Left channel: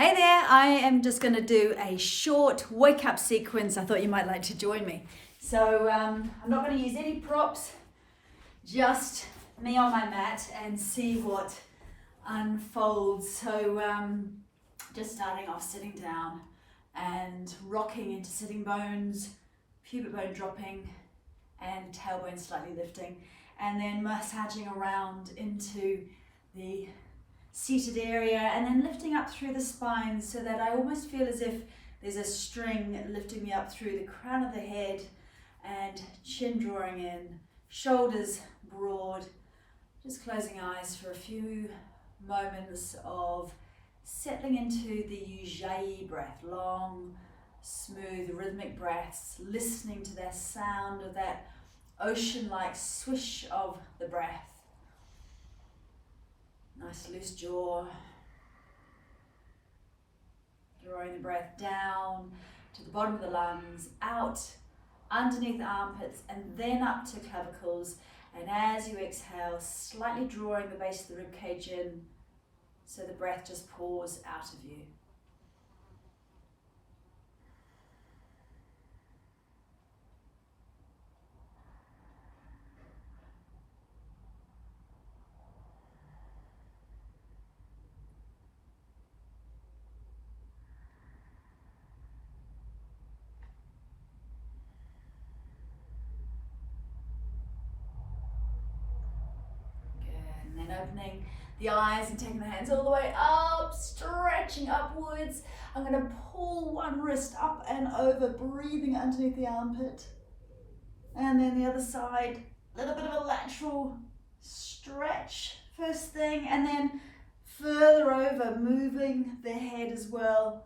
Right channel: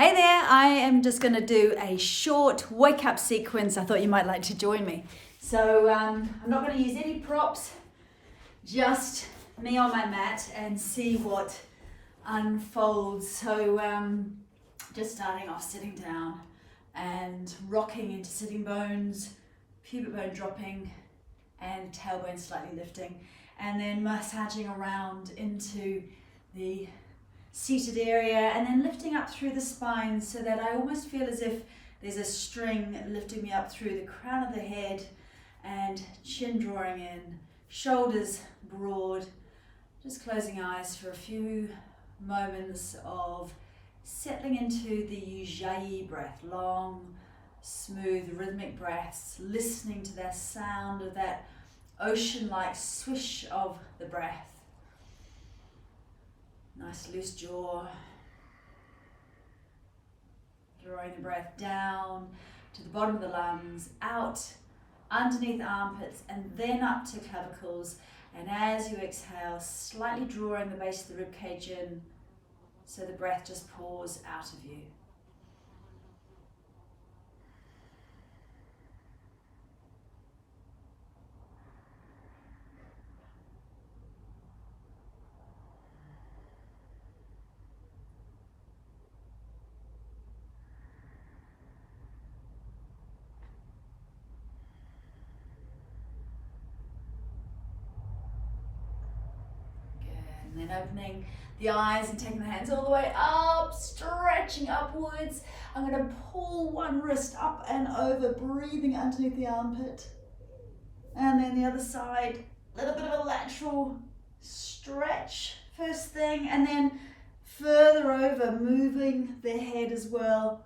Hey there, I am just going to do a short wake up sequence. I thought you might like to join me. So I'm not going to use any props, just me on my mat and see what unfolds. So just starting off sitting down and rocking into sitting bones, pubic bone dropping and tailbone slightly lifting, and then massaging around into the seated area and then lifting up through the spine so that I almost feel as if there's a string lifting me up through the crown of the head and chin drawing in, shoulders broad, just closing eyes for a few moments of settling into the Ujjayi breath, long, smooth, rhythmic breaths, listening to that sound of that ocean-like swish of the breath. Nice loose jaw, drawing the breath down to the bottom of the lungs, out underneath the armpits and then up to clavicles. And as you exhale, slightly drawing the base of the ribcage in so the breath just pours out of you. And then opening the eyes and taking the hands all the way up, stretching upwards. I'm going to pull one wrist up and over, breathing underneath the armpit. And then the other side, a little bit of a lateral stretch first thing, and then further over, moving the head as well,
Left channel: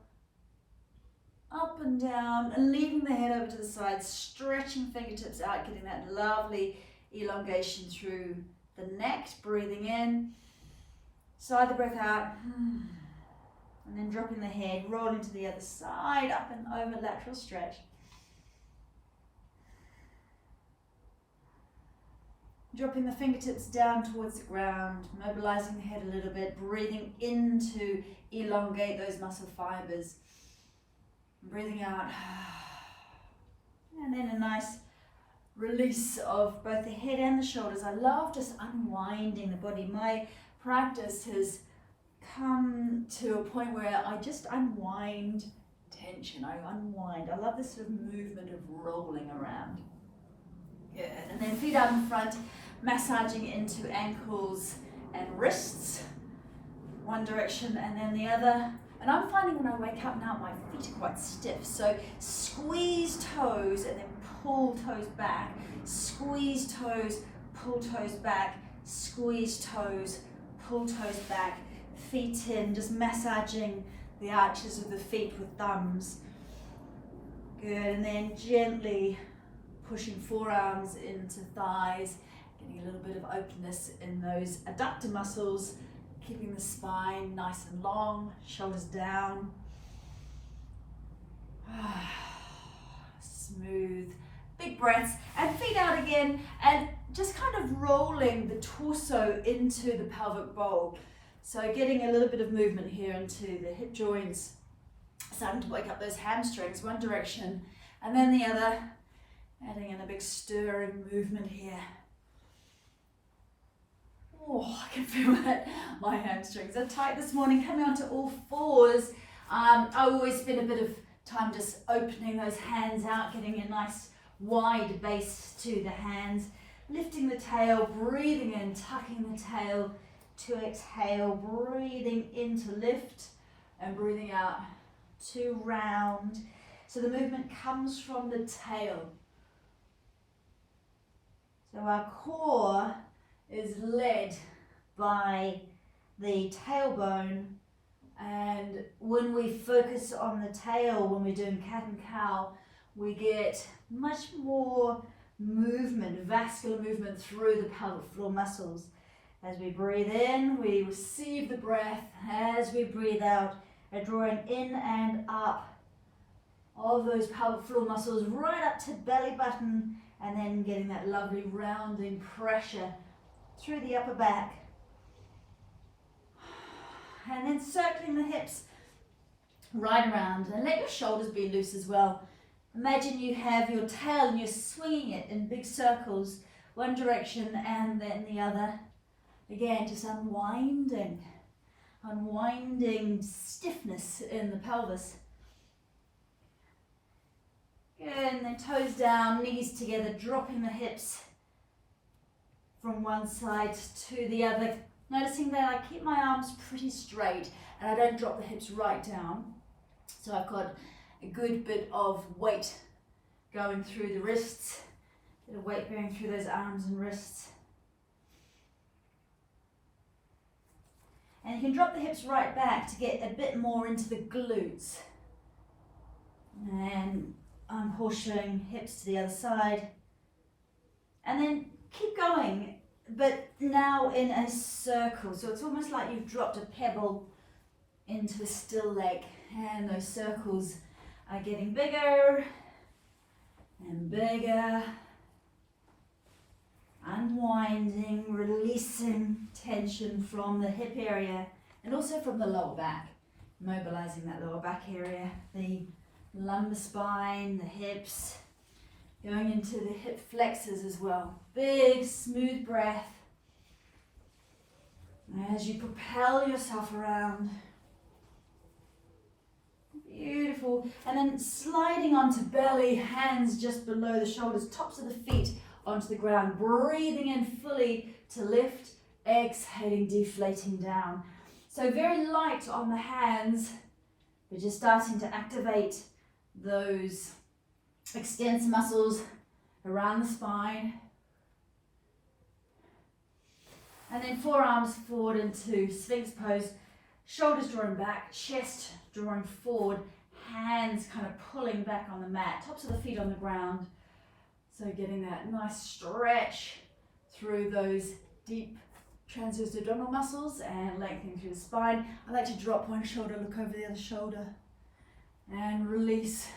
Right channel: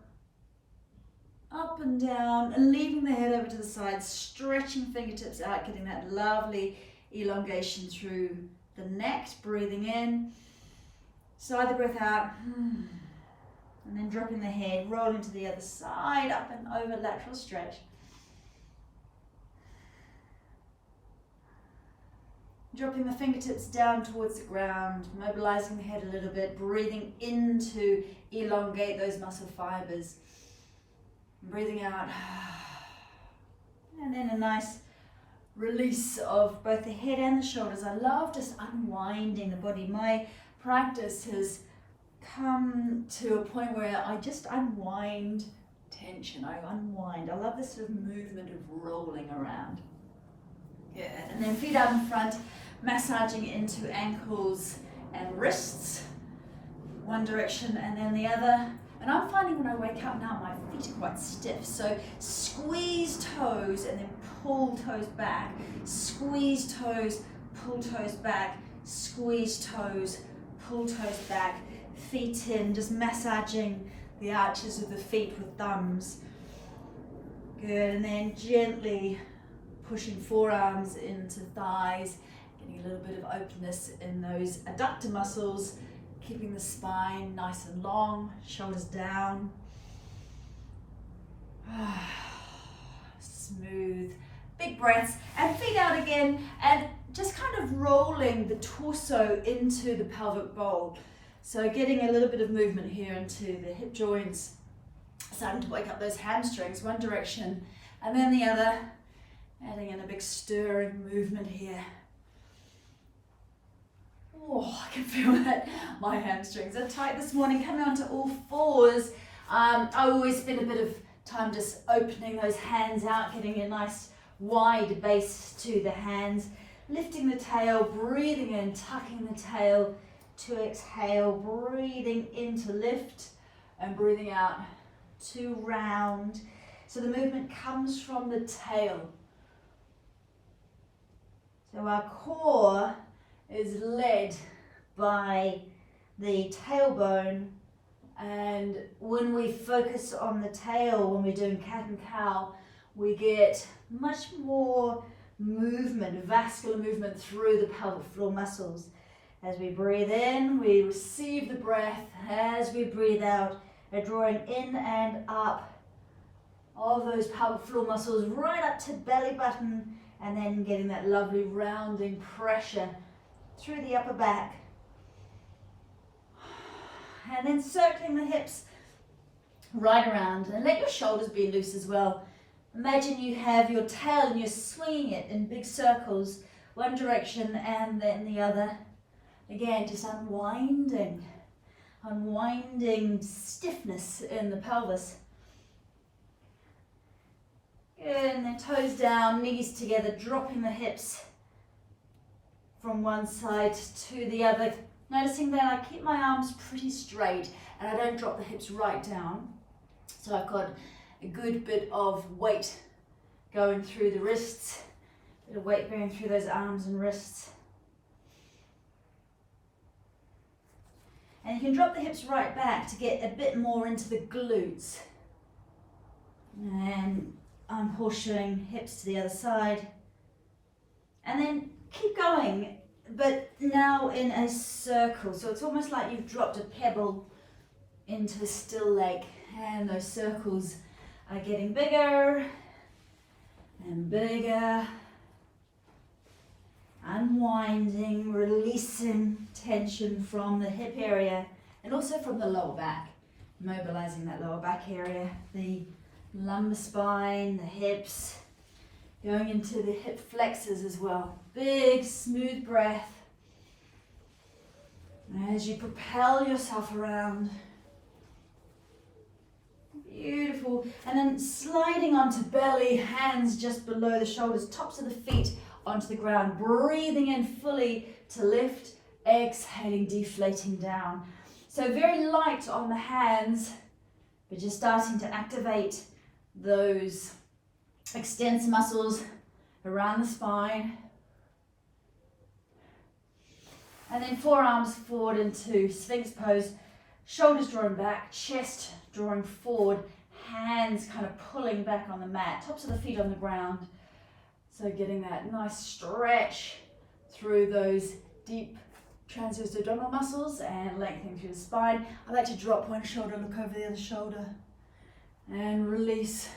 up and down, and leaving the head over to the side, stretching fingertips out, getting that lovely elongation through the neck, breathing in, sigh the breath out, and then dropping the head, rolling to the other side, up and over, lateral stretch. Dropping the fingertips down towards the ground, mobilizing the head a little bit, breathing in to elongate those muscle fibers. Breathing out, and then a nice release of both the head and the shoulders. I love just unwinding the body. My practice has come to a point where I just unwind tension. I unwind. I love this sort of movement of rolling around. Good. And then feet out in front, massaging into ankles and wrists. One direction and then the other. And I'm finding when I wake up now, my feet are quite stiff. So squeeze toes and then pull toes back. Squeeze toes, pull toes back. Squeeze toes, pull toes back. Feet in, just massaging the arches of the feet with thumbs. Good, and then gently pushing forearms into thighs, getting a little bit of openness in those adductor muscles. Keeping the spine nice and long, shoulders down. Smooth, big breaths, and feet out again, and just kind of rolling the torso into the pelvic bowl. So getting a little bit of movement here into the hip joints, starting to wake up those hamstrings, one direction, and then the other, adding in a big stirring movement here. Oh, I can feel that my hamstrings are tight this morning. Coming onto all fours. I always spend a bit of time just opening those hands out, getting a nice wide base to the hands. Lifting the tail, breathing in, tucking the tail to exhale, breathing in to lift and breathing out to round. So the movement comes from the tail. So our core is led by the tailbone, and when we focus on the tail, when we're doing cat and cow, we get much more movement, vascular movement through the pelvic floor muscles. As we breathe in, we receive the breath. As we breathe out, a drawing in and up of those pelvic floor muscles right up to belly button, and then getting that lovely rounding pressure through the upper back. And then circling the hips right around, and let your shoulders be loose as well. Imagine you have your tail and you're swinging it in big circles, one direction and then the other. Again, just unwinding stiffness in the pelvis. Good, and then toes down, knees together, dropping the hips from one side to the other. Noticing that I keep my arms pretty straight and I don't drop the hips right down. So I've got a good bit of weight going through the wrists, a bit of weight going through those arms and wrists. And you can drop the hips right back to get a bit more into the glutes. And I'm horseshoeing hips to the other side. And then keep going, but now in a circle. So it's almost like you've dropped a pebble into the still lake, and those circles are getting bigger and bigger. Unwinding, releasing tension from the hip area and also from the lower back. Mobilizing that lower back area, the lumbar spine, the hips, going into the hip flexors as well. Big, smooth breath as you propel yourself around. Beautiful. And then sliding onto belly, hands just below the shoulders, tops of the feet onto the ground, breathing in fully to lift, exhaling, deflating down. So very light on the hands, but just starting to activate those extensor muscles around the spine. And then forearms forward into Sphinx pose, shoulders drawing back, chest drawing forward, hands kind of pulling back on the mat, tops of the feet on the ground. So getting that nice stretch through those deep transverse abdominal muscles and lengthening through the spine. I like to drop one shoulder, look over the other shoulder and release.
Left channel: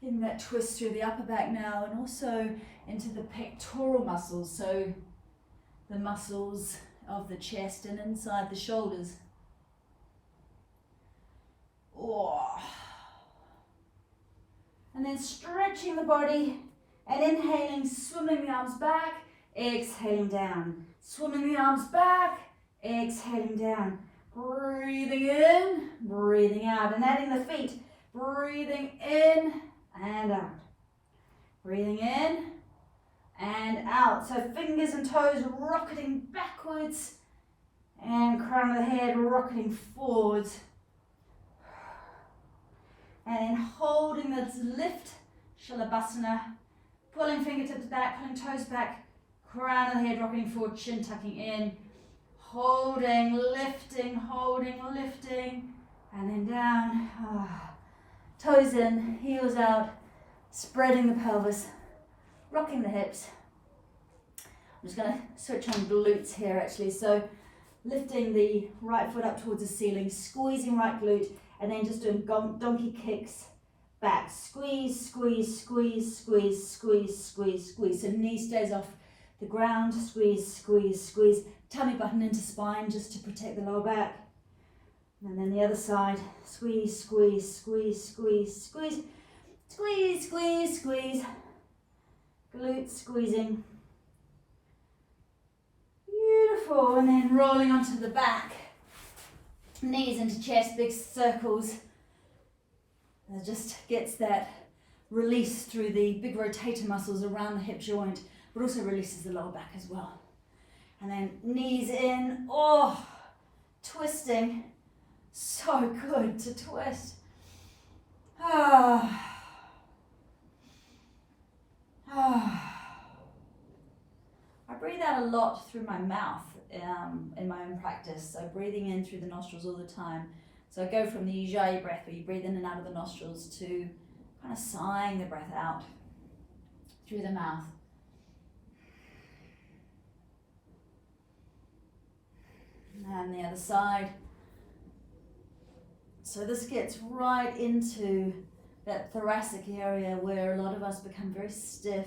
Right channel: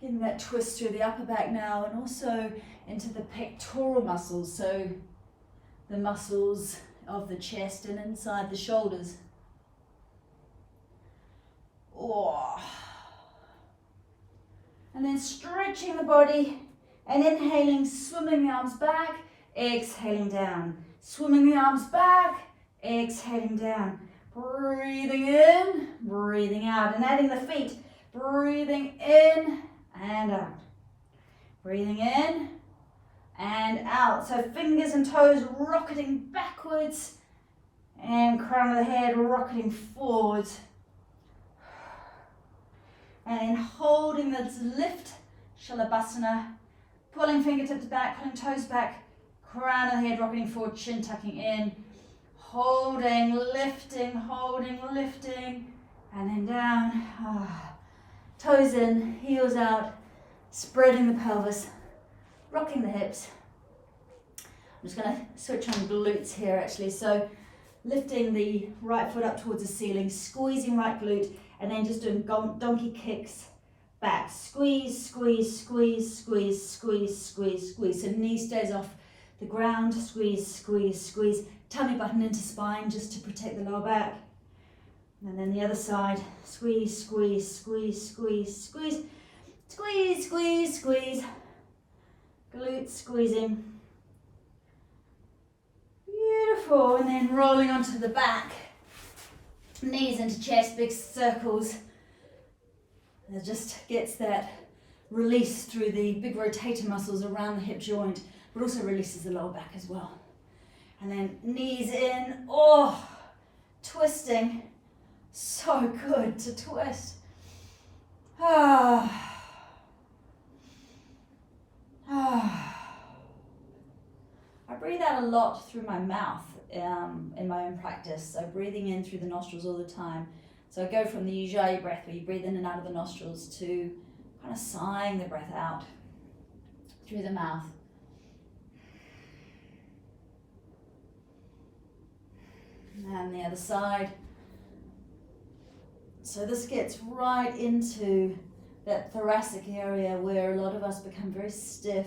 Getting that twist through the upper back now and also into the pectoral muscles. So the muscles of the chest and inside the shoulders. Oh. And then stretching the body and inhaling, swimming the arms back, exhaling down. Swimming the arms back, exhaling down. Breathing in, breathing out, and adding the feet. Breathing in and out. Breathing in and out. So fingers and toes rocketing backwards and crown of the head rocketing forwards. And then holding this lift, Shalabhasana, pulling fingertips back, pulling toes back, crown of the head rocketing forward, chin tucking in, holding, lifting, and then down. Toes in, heels out, spreading the pelvis, rocking the hips. I'm just going to switch on glutes here actually. So lifting the right foot up towards the ceiling, squeezing right glute, and then just doing donkey kicks back. Squeeze, squeeze, squeeze, squeeze, squeeze, squeeze, squeeze. So knee stays off the ground, squeeze, squeeze, squeeze. Tummy button into spine just to protect the lower back. And then the other side, squeeze, squeeze, squeeze, squeeze, squeeze, squeeze, squeeze, squeeze. Glutes squeezing. Beautiful. And then rolling onto the back. Knees into chest, big circles. It just gets that release through the big rotator muscles around the hip joint, but also releases the lower back as well. And then knees in, twisting. So good to twist. I breathe out a lot through my mouth in my own practice. So breathing in through the nostrils all the time. So I go from the Ujjayi breath where you breathe in and out of the nostrils to kind of sighing the breath out through the mouth. And the other side. So this gets right into that thoracic area where a lot of us become very stiff.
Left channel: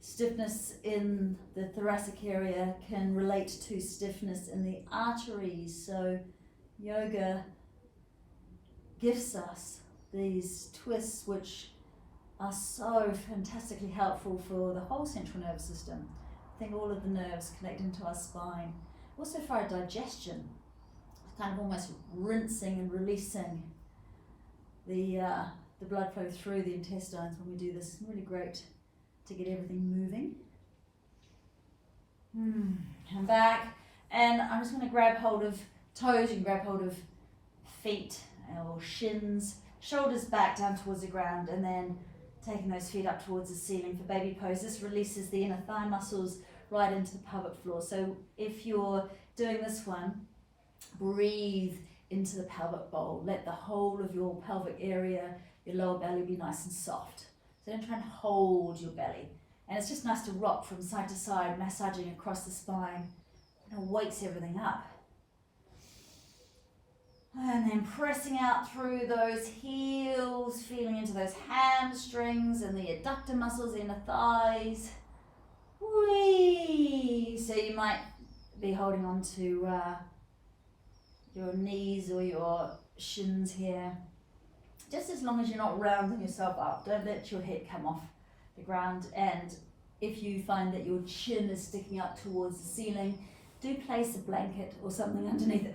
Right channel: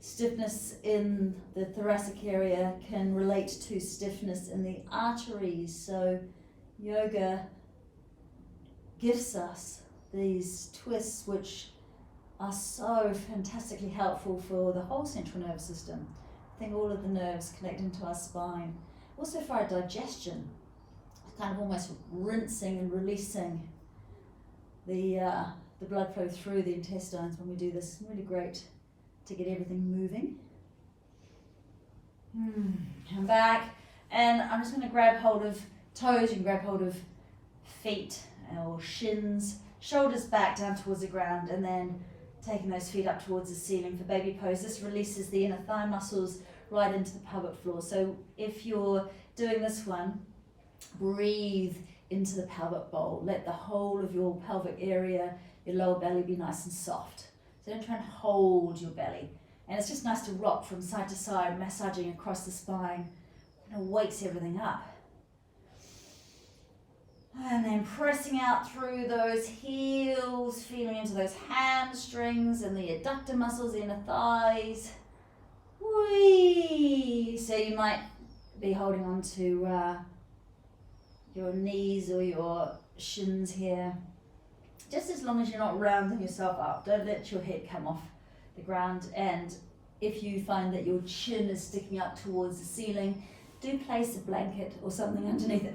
Stiffness in the thoracic area can relate to stiffness in the arteries. So yoga gives us these twists which are so fantastically helpful for the whole central nervous system. I think all of the nerves connect into our spine. Also for our digestion, kind of almost rinsing and releasing the blood flow through the intestines when we do this. It's really great to get everything moving. Come back, and I'm just going to grab hold of toes. You can grab hold of feet or shins, shoulders back down towards the ground, and then taking those feet up towards the ceiling for baby pose. This releases the inner thigh muscles right into the pelvic floor. So if you're doing this one, breathe into the pelvic bowl. Let the whole of your pelvic area, your lower belly, be nice and soft. So don't try and hold your belly. And it's just nice to rock from side to side, massaging across the spine. It wakes everything up. And then pressing out through those heels, feeling into those hamstrings and the adductor muscles, the inner thighs. Whee! So you might be holding on to your knees or your shins here. Just as long as you're not rounding yourself up. Don't let your head come off the ground. And if you find that your chin is sticking up towards the ceiling, do place a blanket or something underneath it,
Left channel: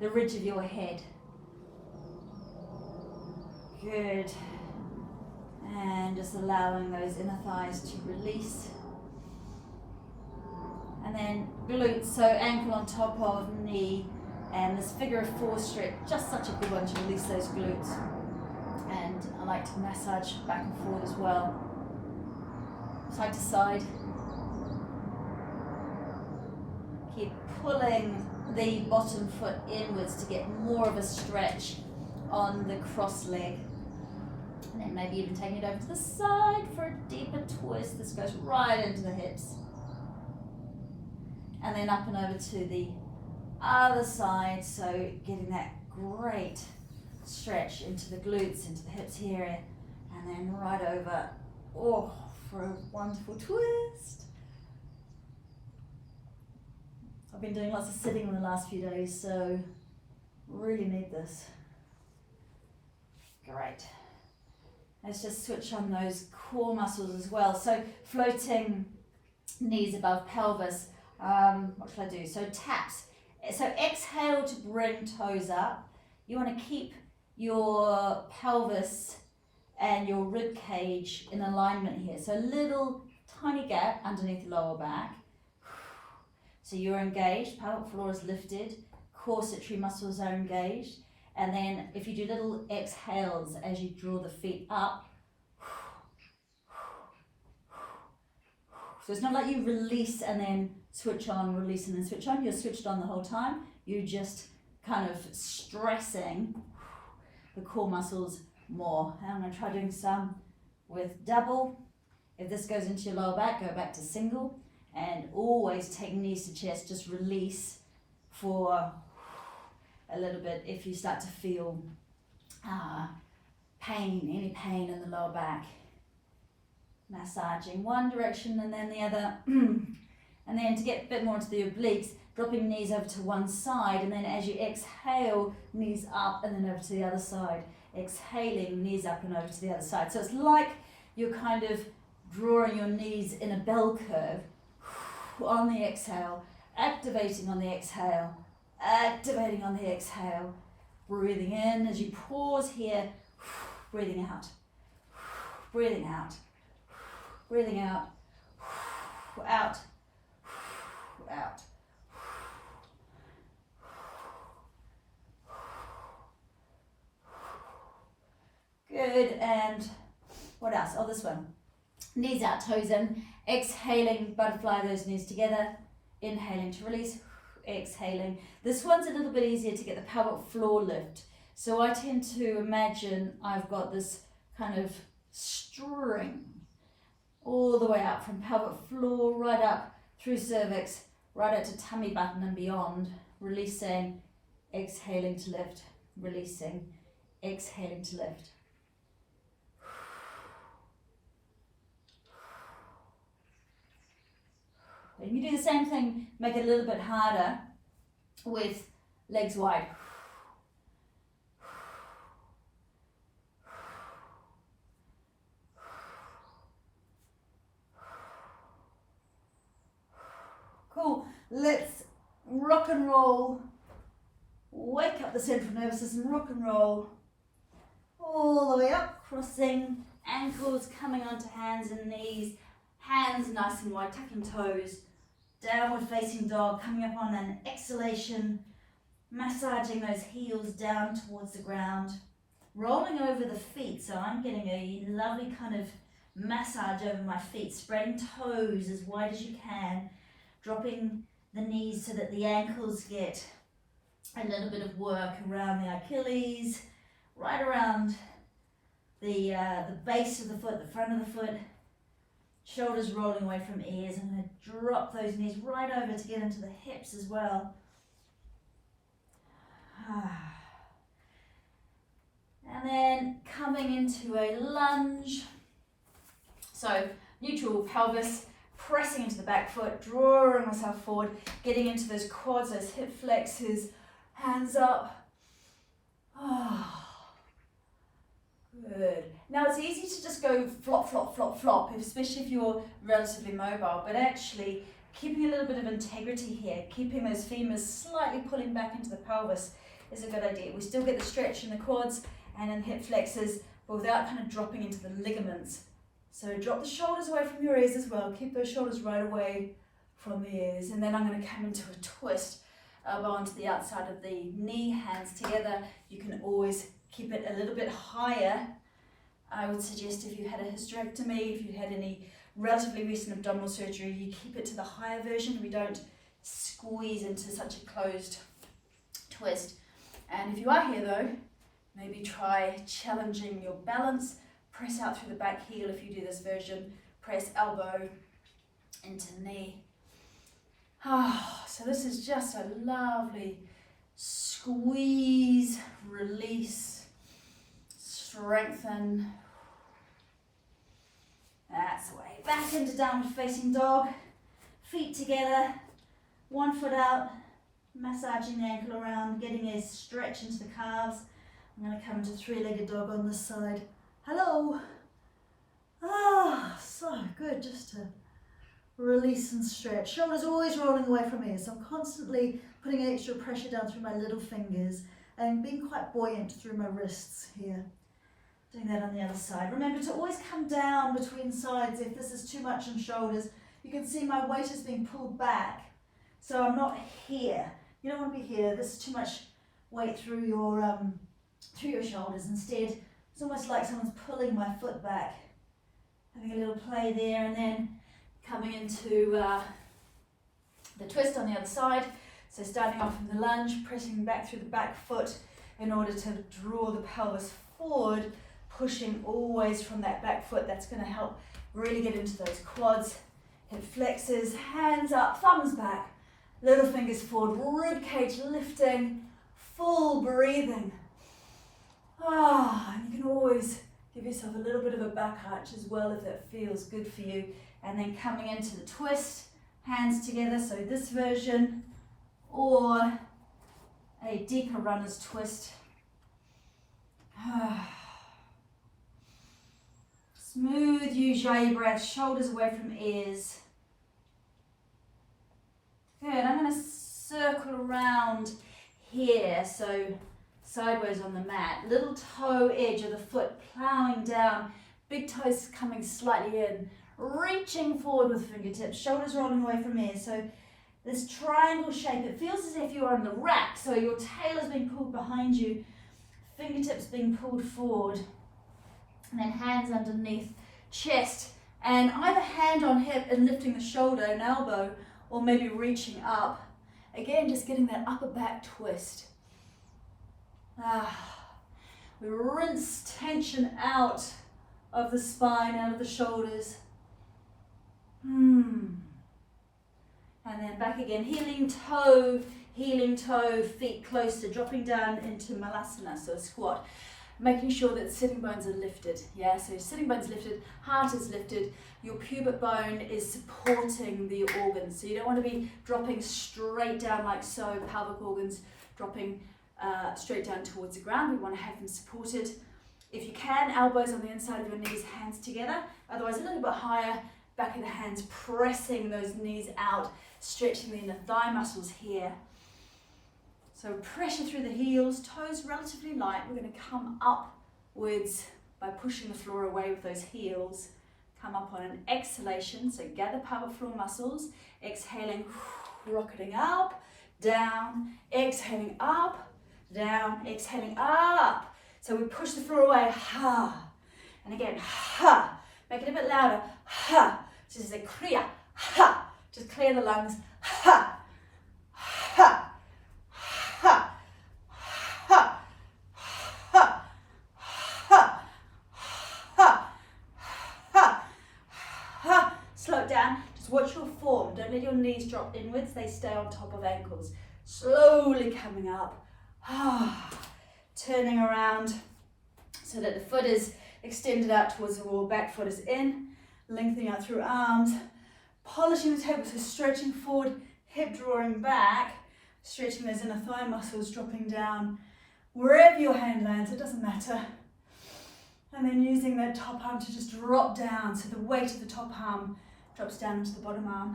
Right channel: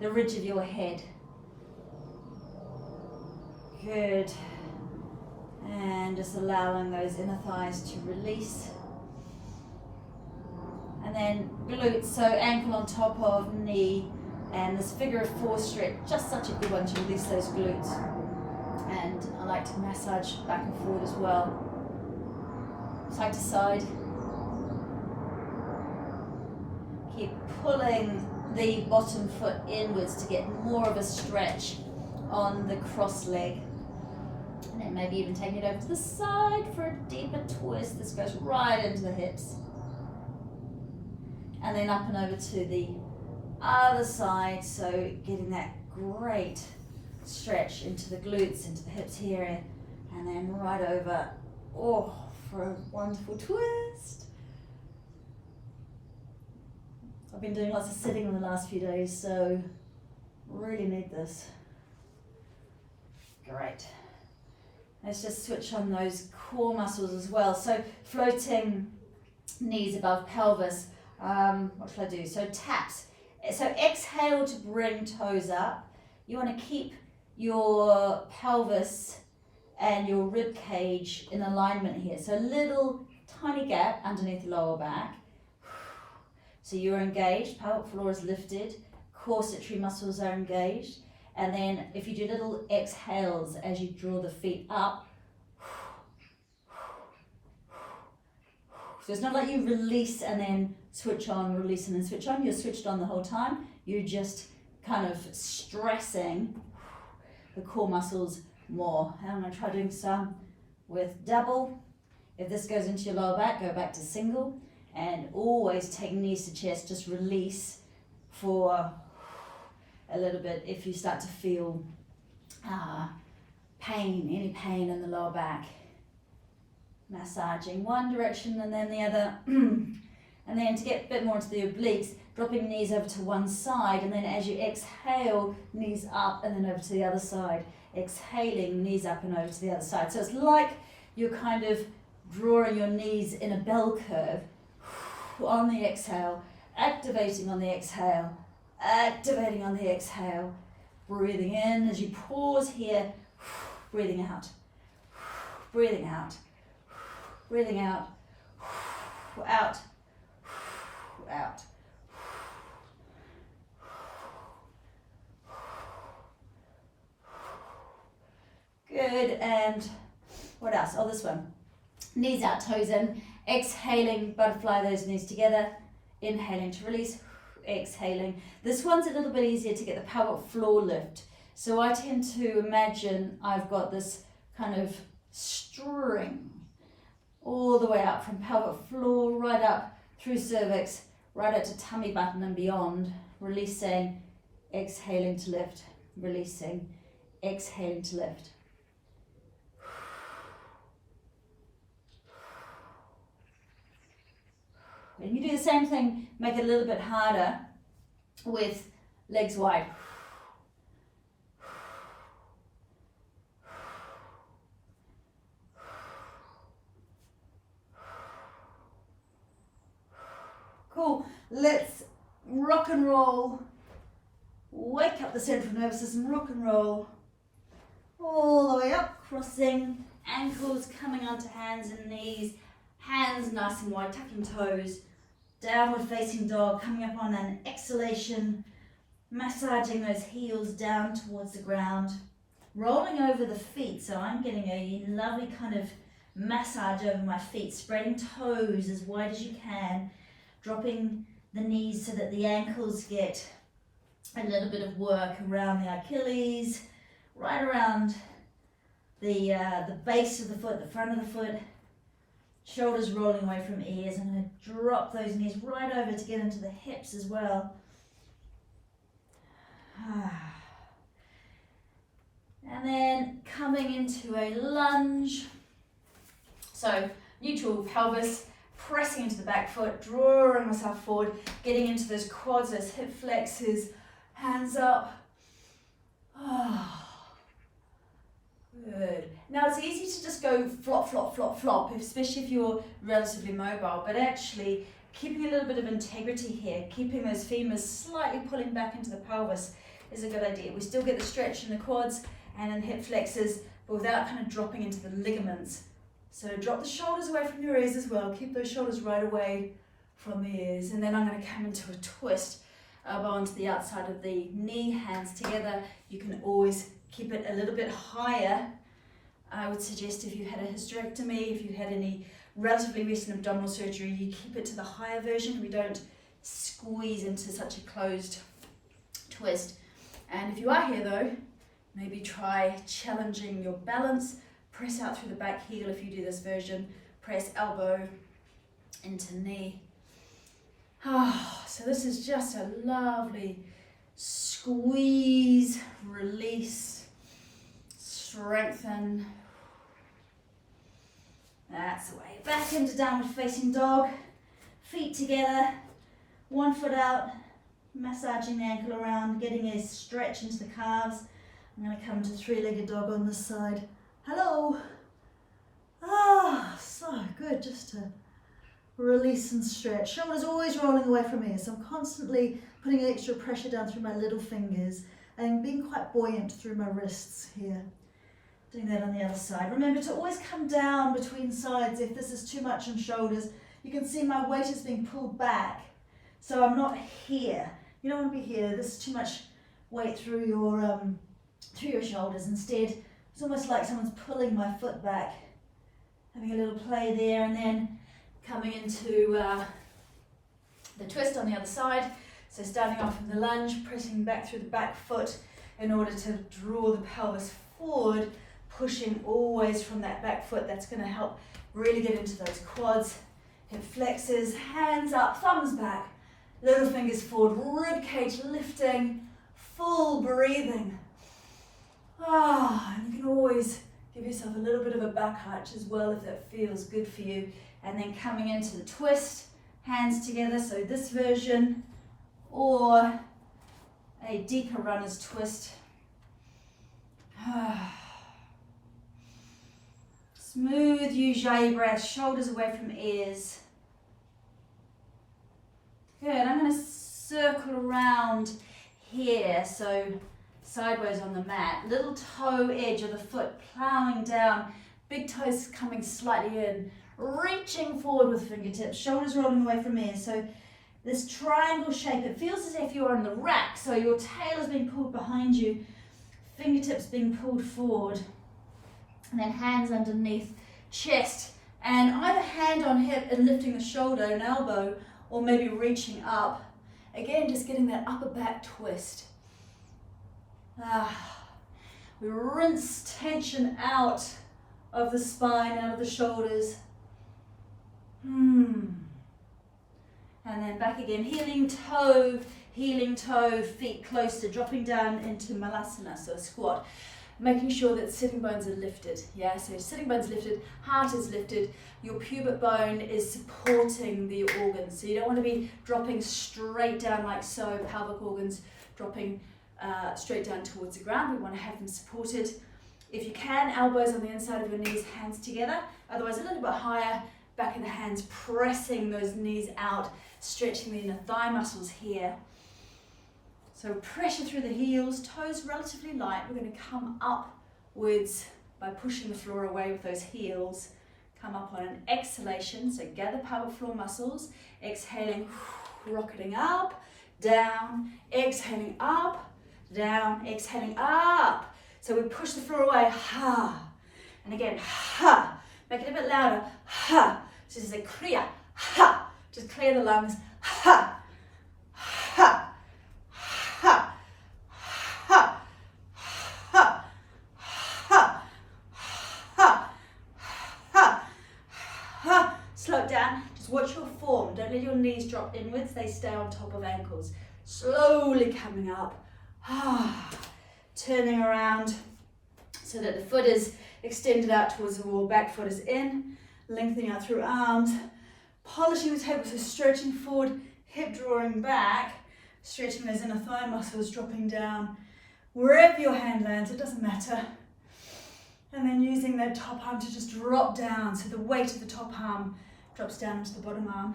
the ridge of your head. Good. And just allowing those inner thighs to release. And then glutes, so ankle on top of knee, and this figure of four stretch, just such a good one to release those glutes. And I like to massage back and forward as well. Side to side. Keep pulling the bottom foot inwards to get more of a stretch on the cross leg. And then maybe even taking it over to the side for a deeper twist. This goes right into the hips. And then up and over to the other side, so getting that great stretch into the glutes, into the hips here, and then right over, for a wonderful twist. I've been doing lots of sitting in the last few days, so really need this. Great. Let's just switch on those core muscles as well. So floating knees above pelvis. What should I do? So taps. So exhale to bring toes up. You want to keep your pelvis and your rib cage in alignment here. So little tiny gap underneath the lower back. So you're engaged, pelvic floor is lifted, corsetory muscles are engaged. And then if you do little exhales as you draw the feet up. So it's not like you release and then switch on, release and then switch on. You're switched on the whole time. You're just kind of stressing the core muscles more. And I'm going to try doing some with double. If this goes into your lower back, go back to single. And always take knees to chest, just release for a little bit if you start to feel pain, any pain in the lower back. Massaging one direction and then the other. And then to get a bit more into the obliques, dropping knees over to one side, and then as you exhale, knees up and then over to the other side. Exhaling, knees up and over to the other side. So it's like you're kind of drawing your knees in a bell curve on the exhale, activating on the exhale, activating on the exhale, breathing in as you pause here, breathing out, breathing out, breathing out, out, out. Good, and what else? Oh, this one. Knees out, toes in. Exhaling, butterfly those knees together. Inhaling to release, exhaling. This one's a little bit easier to get the pelvic floor lift. So I tend to imagine I've got this kind of string all the way up from pelvic floor, right up through cervix, right out to tummy button and beyond. Releasing, exhaling to lift, releasing, exhaling to lift. And you do the same thing, make it a little bit harder with legs wide. Let's rock and roll. Wake up the central nervous system, rock and roll. All the way up, crossing, ankles coming onto hands and knees. Hands nice and wide, tucking toes. Downward facing dog, coming up on an exhalation. Massaging those heels down towards the ground. Rolling over the feet, so I'm getting a lovely kind of massage over my feet. Spreading toes as wide as you can. Dropping the knees so that the ankles get a little bit of work around the Achilles, right around the base of the foot, the front of the foot. Shoulders rolling away from ears. I'm going to drop those knees right over to get into the hips as well. And then coming into a lunge. So neutral pelvis, pressing into the back foot, drawing myself forward, getting into those quads, those hip flexors, hands up. Good. Now it's easy to just go flop, flop, flop, flop, especially if you're relatively mobile, but actually keeping a little bit of integrity here, keeping those femurs slightly pulling back into the pelvis is a good idea. We still get the stretch in the quads and in the hip flexors, but without kind of dropping into the ligaments. So drop the shoulders away from your ears as well. Keep those shoulders right away from the ears. And then I'm going to come into a twist, elbow onto the outside of the knee, hands together. You can always keep it a little bit higher. I would suggest if you had a hysterectomy, if you had any relatively recent abdominal surgery, you keep it to the higher version. We don't squeeze into such a closed twist. And if you are here though, maybe try challenging your balance. Press out through the back heel if you do this version. Press elbow into knee. So this is just a lovely squeeze, release, strengthen. That's the way. Back into downward facing dog. Feet together, one foot out, massaging the ankle around, getting a stretch into the calves. I'm going to come to three-legged dog on this side. Hello. So good just to release and stretch. Shoulders always rolling away from me, so I'm constantly putting extra pressure down through my little fingers and being quite buoyant through my wrists here. Doing that on the other side. Remember to always come down between sides if this is too much on shoulders. You can see my weight is being pulled back, so I'm not here. You don't want to be here. This is too much weight through your shoulders. Instead, it's almost like someone's pulling my foot back. Having a little play there, and then coming into the twist on the other side. So starting off in the lunge, pressing back through the back foot in order to draw the pelvis forward, pushing always from that back foot. That's going to help really get into those quads, hip flexors, hands up, thumbs back, little fingers forward, rib cage lifting, full breathing. And you can always give yourself a little bit of a back arch as well if that feels good for you. And then coming into the twist, hands together, so this version, or a deeper runner's twist. Smooth Ujjayi breath, shoulders away from ears. Good, I'm going to circle around here, so sideways on the mat. Little toe edge of the foot plowing down, big toes coming slightly in, reaching forward with fingertips, shoulders rolling away from ears. So this triangle shape, it feels as if you are on the rack, so your tail is being pulled behind you, fingertips being pulled forward, and then hands underneath chest, and either hand on hip and lifting the shoulder and elbow, or maybe reaching up. Again, just getting that upper back twist. We rinse tension out of the spine, out of the shoulders. And then back again, healing toe, feet closer, dropping down into malasana, so a squat. Making sure that sitting bones are lifted, yeah? So sitting bones lifted, heart is lifted, your pubic bone is supporting the organs. So you don't want to be dropping straight down like so, pelvic organs dropping straight down towards the ground. We want to have them supported. If you can, elbows on the inside of your knees, hands together. Otherwise, a little bit higher, back of the hands, pressing those knees out stretching the inner thigh muscles here. So pressure through the heels, toes relatively light. We're going to come upwards by pushing the floor away with those heels. Come up on an exhalation, so gather pelvic floor muscles. Exhaling, rocketing up, down, exhaling up, down, exhaling up. So we push the floor away, ha. And again, ha. Make it a bit louder, ha. So this is a clear, ha. Just clear the lungs, ha. Ha. Ha. Ha. Ha. Ha. Ha. Ha. Ha. Slow it down. Just watch your form. Don't let your knees drop inwards. They stay on top of ankles. Slowly coming up. Turning around so that the foot is extended out towards the wall. Back foot is in. Lengthening out through arms. Polishing the table, so stretching forward, hip drawing back. Stretching those inner thigh muscles, dropping down. Wherever your hand lands, it doesn't matter. And then using that top arm to just drop down. So the weight of the top arm drops down into the bottom arm.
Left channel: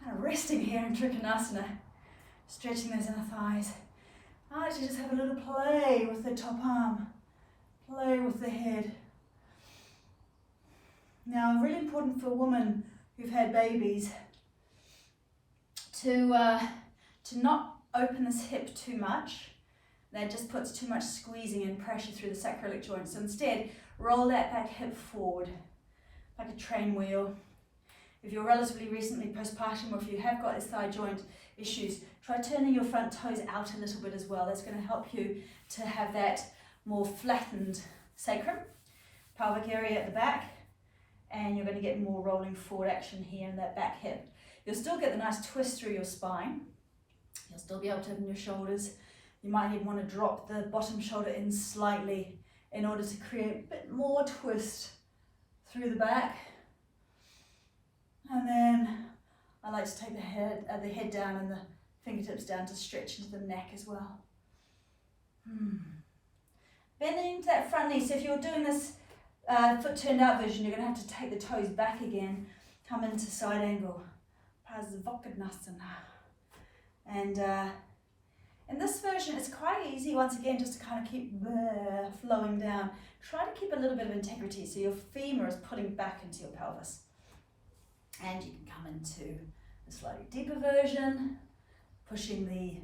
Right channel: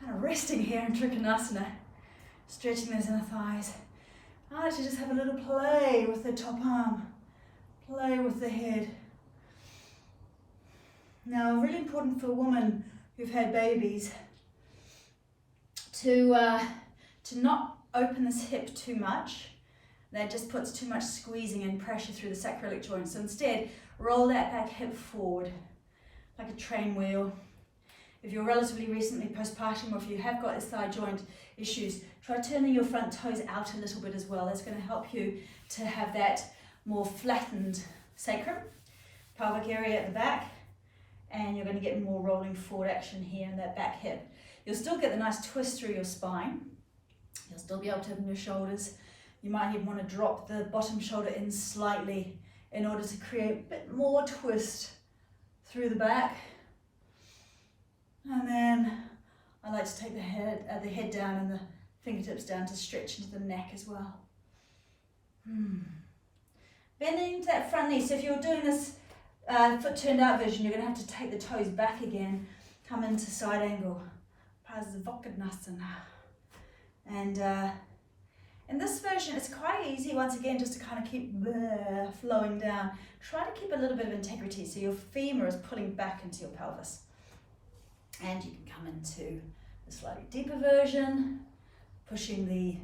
Kind of resting here in Trikonasana. Stretching those inner thighs. I like to just have a little play with the top arm. Play with the head. Now, really important for women who've had babies to not open this hip too much. That just puts too much squeezing and pressure through the sacroiliac joint. So instead, roll that back hip forward, like a train wheel. If you're relatively recently postpartum, or if you have got thigh joint issues, try turning your front toes out a little bit as well. That's going to help you to have that more flattened sacrum, pelvic area at the back, and you're going to get more rolling forward action here in that back hip. You'll still get the nice twist through your spine. You'll still be able to open your shoulders. You might even want to drop the bottom shoulder in slightly in order to create a bit more twist through the back. And then I like to take the head down and the fingertips down to stretch into the neck as well. Bending to that front knee. So if you're doing this foot turned out version, you're going to have to take the toes back again, come into side angle. Revitalise. And in this version, it's quite easy, once again, just to kind of keep flowing down. Try to keep a little bit of integrity, so your femur is pulling back into your pelvis. And you can come into a slightly deeper version, pushing the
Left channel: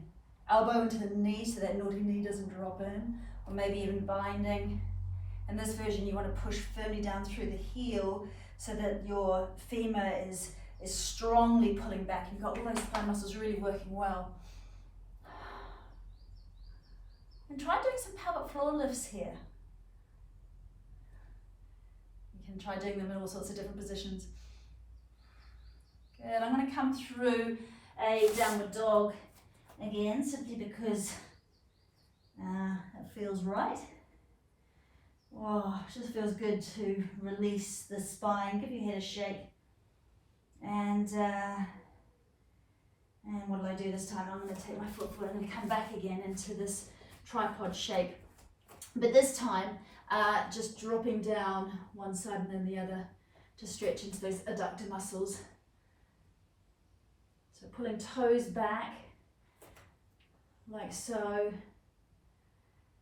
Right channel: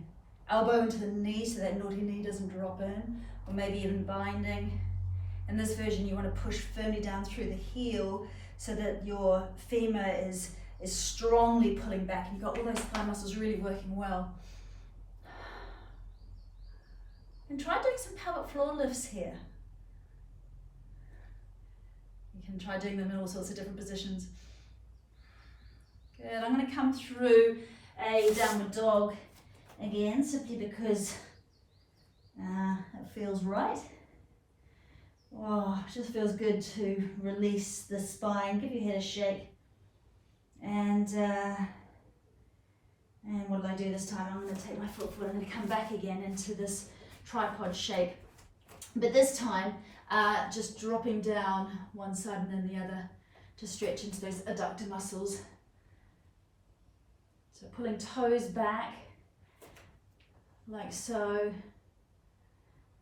elbow into the knee so that naughty knee doesn't drop in, or maybe even binding. In this version, you want to push firmly down through the heel so that your femur is strongly pulling back, and you've got all those thigh muscles really working well. And try doing some pelvic floor lifts here. You can try doing them in all sorts of different positions. Good, I'm going to come through a downward dog again, simply because it feels right. Oh, it just feels good to release the spine, give your head a shake. And what do I do this time? I'm going to take my foot forward, I'm going to come back again into this tripod shape. But this time, just dropping down one side and then the other to stretch into those adductor muscles. So pulling toes back, like so.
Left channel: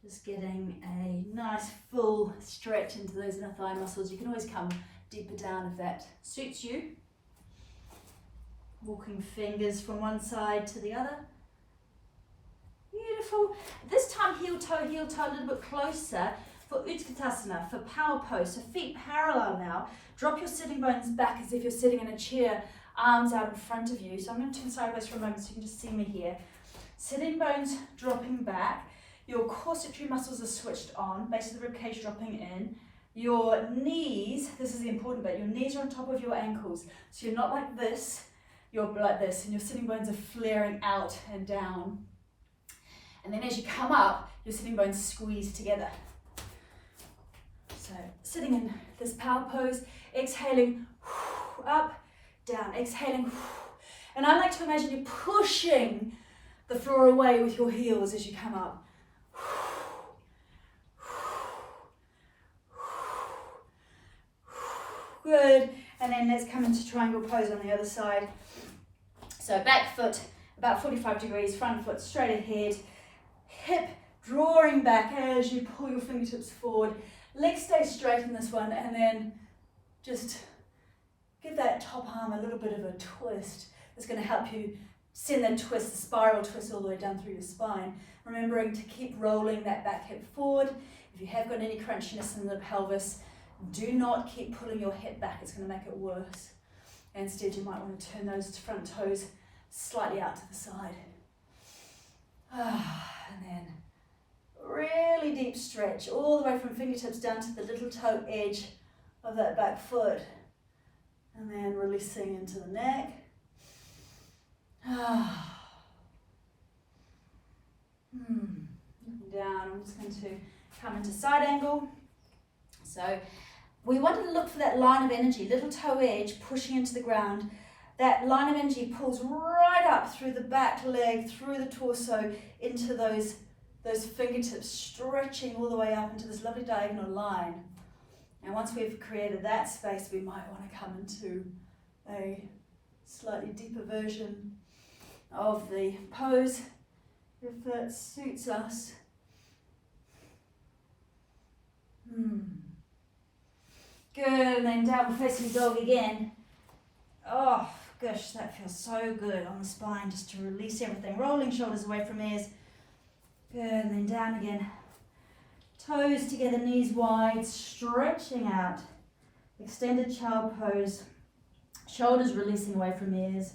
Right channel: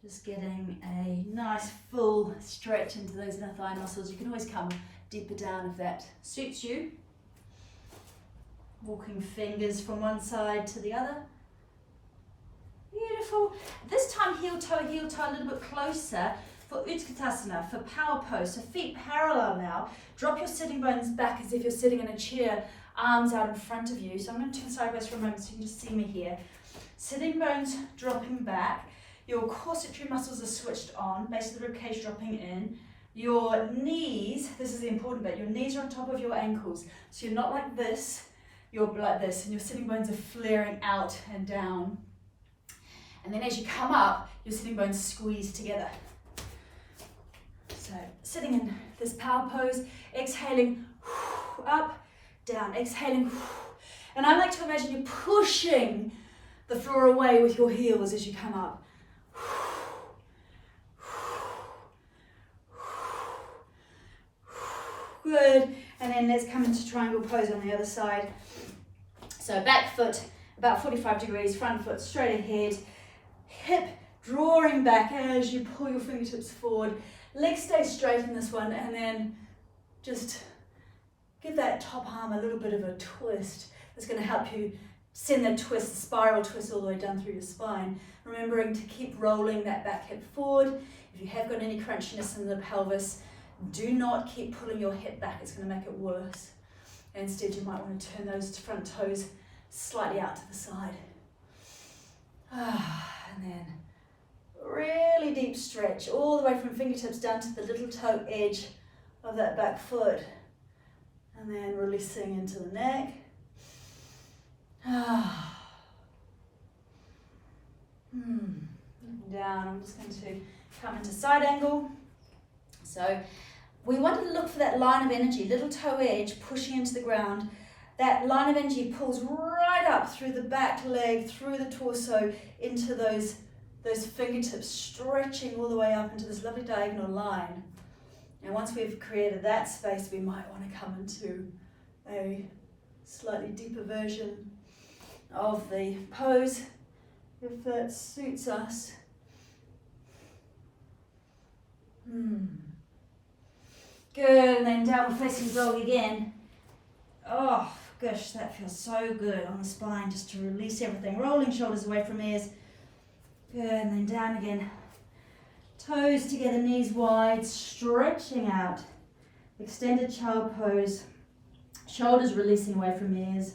Just getting a nice full stretch into those inner thigh muscles. You can always come deeper down if that suits you. Walking fingers from one side to the other. Beautiful. This time heel toe a little bit closer for Utkatasana, for power pose. So feet parallel now. Drop your sitting bones back as if you're sitting in a chair, arms out in front of you. So I'm going to turn sideways for a moment so you can just see me here. Sitting bones dropping back. Your corsetory muscles are switched on, base of the ribcage dropping in. Your knees, this is the important bit, your knees are on top of your ankles. So you're not like this, you're like this, and your sitting bones are flaring out and down. And then as you come up, your sitting bones squeeze together. So sitting in this power pose, exhaling, up, down, exhaling. And I like to imagine you pushing the floor away with your heels as you come up. Good, and then let's come into triangle pose on the other side. So back foot about 45 degrees, front foot straight ahead, hip drawing back as you pull your fingertips forward. Legs stay straight in this one, and then just give that top arm a little bit of a twist. That's going to help you send that twist, the spiral twist, all the way down through your spine. Remembering to keep rolling that back hip forward. If you have got any crunchiness in the pelvis, do not keep pulling your hip back. It's going to make it worse. Instead, you might want to turn those front toes slightly out to the side. And then really deep stretch all the way from fingertips down to the little toe edge of that back foot. And then releasing into the neck. Looking down, I'm just going to come into side angle. So we wanted to look for that line of energy, little toe edge pushing into the ground. That line of energy pulls right up through the back leg, through the torso, into those fingertips, stretching all the way up into this lovely diagonal line. And once we've created that space, we might want to come into a slightly deeper version of the pose, if that suits us. Good, and then downward facing dog again. Oh gosh, that feels so good on the spine, just to release everything. Rolling shoulders away from ears. Good, and then down again. Toes together, knees wide, stretching out. Extended child pose. Shoulders releasing away from ears.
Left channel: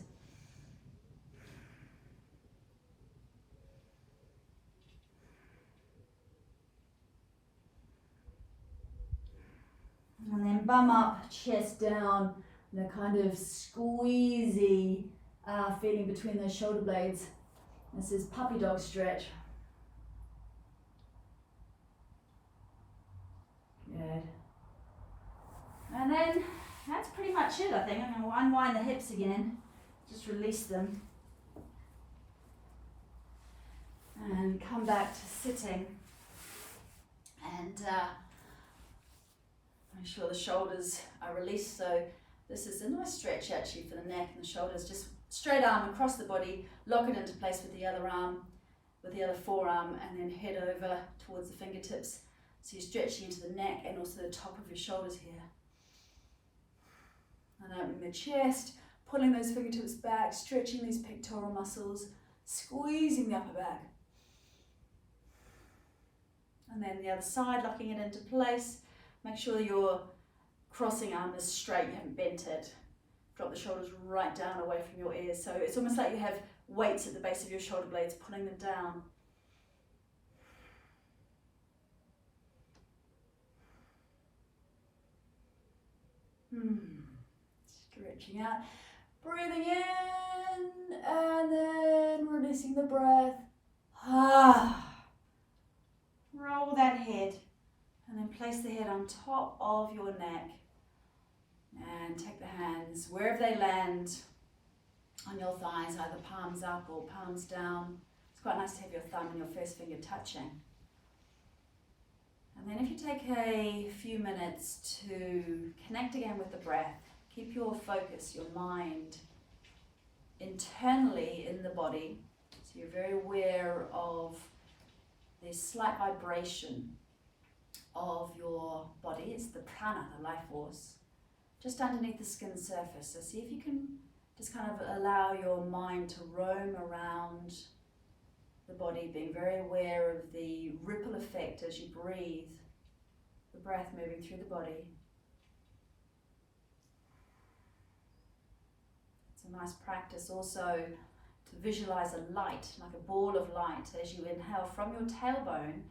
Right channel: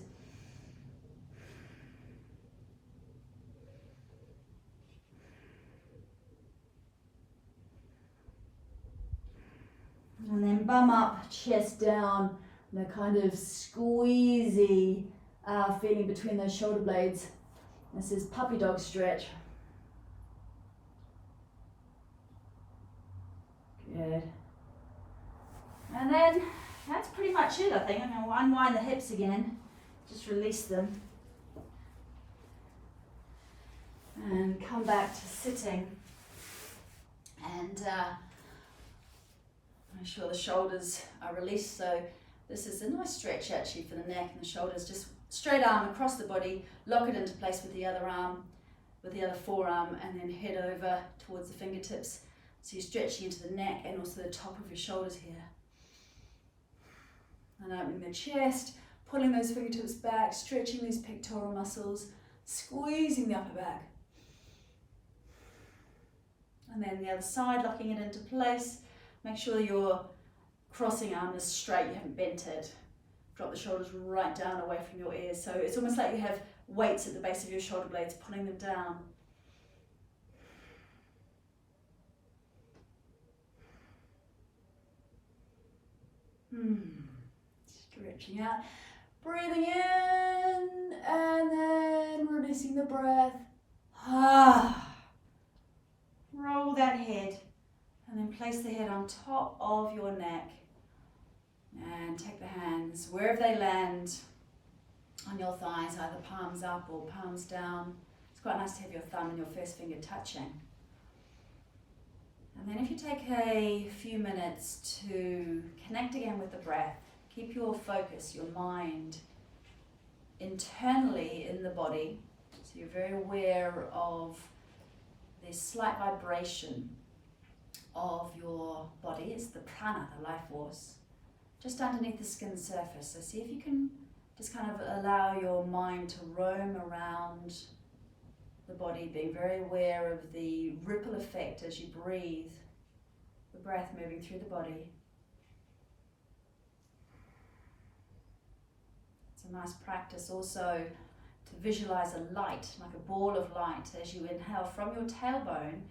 And then bum up, chest down, and a kind of squeezy feeling between those shoulder blades. This is puppy dog stretch. Good. And then that's pretty much it, I think. I'm going to unwind the hips again, just release them. And come back to sitting. And make sure the shoulders are released. So this is a nice stretch actually for the neck and the shoulders. Just straight arm across the body, lock it into place with the other arm, with the other forearm, and then head over towards the fingertips. So you're stretching into the neck and also the top of your shoulders here. And opening the chest, pulling those fingertips back, stretching these pectoral muscles, squeezing the upper back. And then the other side, locking it into place. Make sure your crossing arm is straight, you haven't bent it. Drop the shoulders right down away from your ears. So it's almost like you have weights at the base of your shoulder blades, pulling them down. Stretching out, breathing in, and then releasing the breath. Roll that head, and then place the head on top of your neck. And take the hands wherever they land on your thighs, either palms up or palms down. It's quite nice to have your thumb and your first finger touching. And then if you take a few minutes to connect again with the breath, keep your focus, your mind, internally in the body. So you're very aware of this slight vibration of your body. It's the prana, the life force, just underneath the skin surface. So see if you can just kind of allow your mind to roam around the body, being very aware of the ripple effect as you breathe, the breath moving through the body. It's a nice practice also to visualize a light, like a ball of light, as you inhale from your tailbone,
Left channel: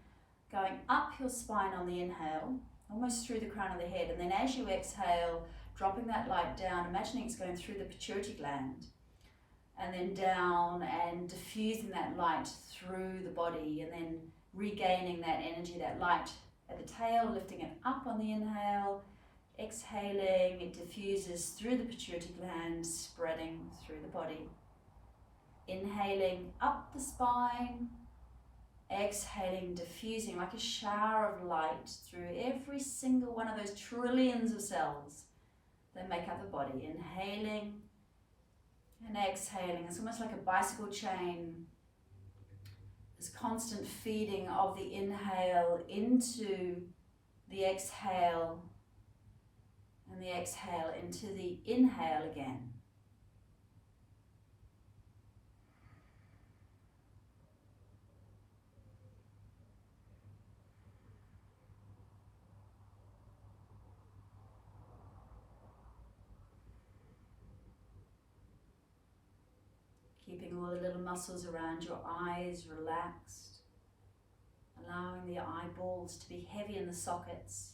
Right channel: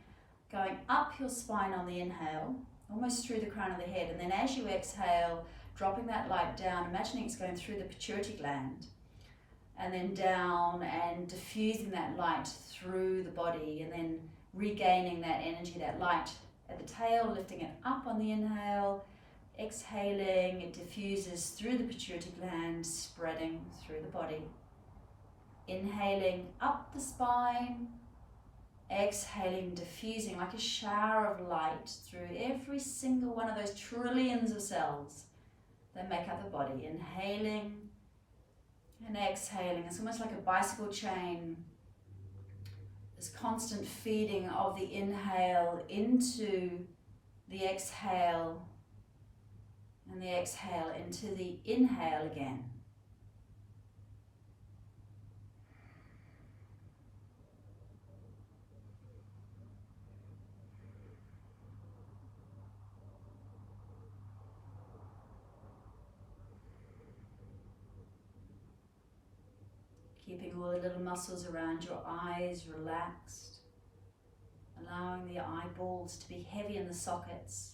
going up your spine on the inhale, almost through the crown of the head, and then as you exhale, dropping that light down, imagining it's going through the pituitary gland, and then down and diffusing that light through the body, and then regaining that energy, that light at the tail, lifting it up on the inhale, exhaling, it diffuses through the pituitary gland, spreading through the body. Inhaling up the spine, exhaling, diffusing like a shower of light through every single one of those trillions of cells that make up the body. Inhaling And exhaling. It's almost like a bicycle chain. This constant feeding of the inhale into the exhale, and the exhale into the inhale again. Keeping all the little muscles around your eyes relaxed, allowing the eyeballs to be heavy in the sockets.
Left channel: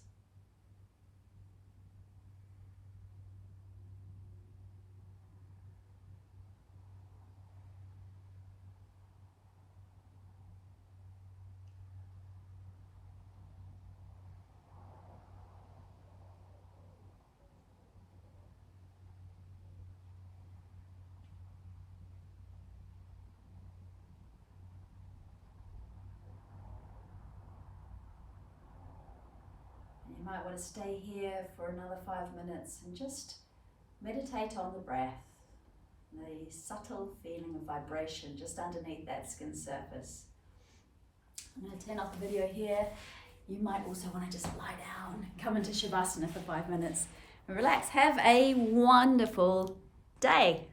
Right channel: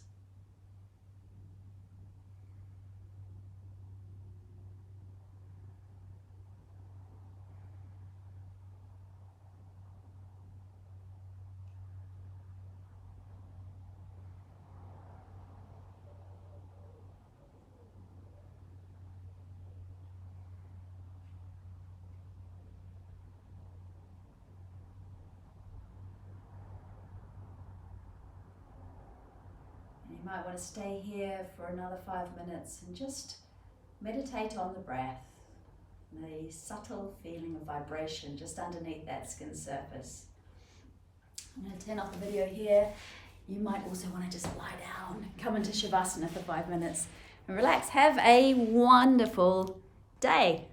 You might want to stay here for another 5 minutes and just meditate on the breath, the subtle feeling of vibration just underneath that skin surface. I'm going to turn off the video here. You might also want to just lie down, come into Shavasana for 5 minutes and relax. Have a wonderful day.